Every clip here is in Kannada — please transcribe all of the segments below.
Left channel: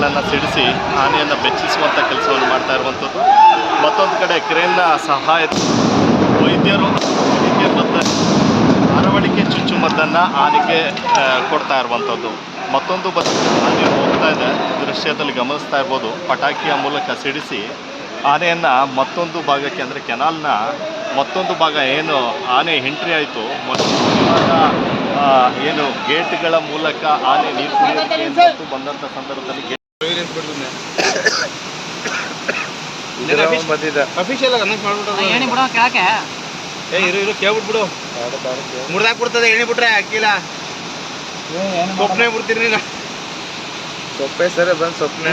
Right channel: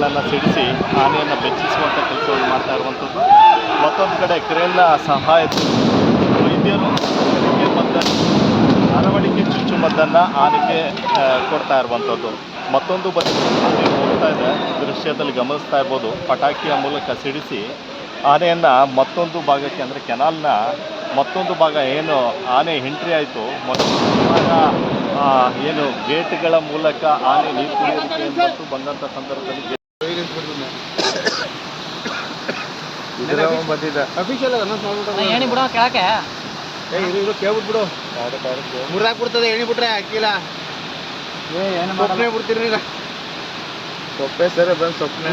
ಗೇಟ್ಗಳನ್ನು ಸಿಡಿಸಿ ಆನೆಯನ್ನು ಬೆಚ್ಚಿಸುವಂಥ ಕೆಲಸವನ್ನು ಮಾಡ್ತಾ ಇರುವಂಥದ್ದು. ಮತ್ತೊಂದು ಕಡೆ ಕ್ರೇನ್ನ ಸಹಾಯ ವೈದ್ಯರು ಅರವಳಿಕೆ ಮತ್ತು ಅರವಳಿಕೆ ಚುಚ್ಚುಮದ್ದನ್ನು ಆನೆಗೆ ಕೊಡ್ತಾ ಇರುವಂಥದ್ದು. ಮತ್ತೊಂದು ಬಸ್ ಹೋಗ್ತಾ ಇದೆ. ದೃಶ್ಯದಲ್ಲಿ ಗಮನಿಸ್ತಾ ಇರ್ಬೋದು. ಪಟಾಕಿಯ ಮೂಲಕ ಸಿಡಿಸಿ ಆನೆಯನ್ನು ಮತ್ತೊಂದು ಭಾಗಕ್ಕೆ ಅಂದರೆ ಕೆನಾಲ್ನ ಮತ್ತೊಂದು ಭಾಗ ಏನು ಆನೆ ಎಂಟ್ರಿ ಆಯಿತು. ಏನು ಗೇಟ್ಗಳ ಮೂಲಕ ಆನೆ ನೀರು ಕುಡಿಯೋದಕ್ಕೆ ಬಂದಂಥ ಸಂದರ್ಭದಲ್ಲಿ ಗೇಟ್ ಅಫಿಷಿಯಲ್ ಅನೌನ್ಸ್ ಮಾಡ್ಬಿಟ್ಟು ಏಣಿ ಬಿಡೋ ಕೆಳಕ್ಕೆ. ಏ ಇರು ಇರು ಕೇಳ್ಬಿಟ್ಬಿಡು. ಮುರ್ದಾಕ್ ಬಿಡ್ತದೆ ಎಣ್ಣೆ ಬಿಟ್ರೆ ಹಾಕಿಲ್ಲ ಸೊಪ್ಪನೆ ಬಿಡ್ತೀರಿ ನೀನು ಸೊಪ್ಪೆ ಸರಿ ಬಂದು ಸೊಪ್ಪನೆ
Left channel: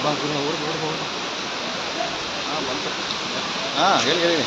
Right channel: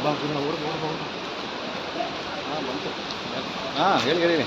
ಕಣ್ಣು ತುಂಬಿರಬಾರ್ದು ಅಂತ ತುಂಬಿರಬಾರ್ದು ಅಂತ. ಹಾಂ ಹೇಳಿ ಹೇಳಿ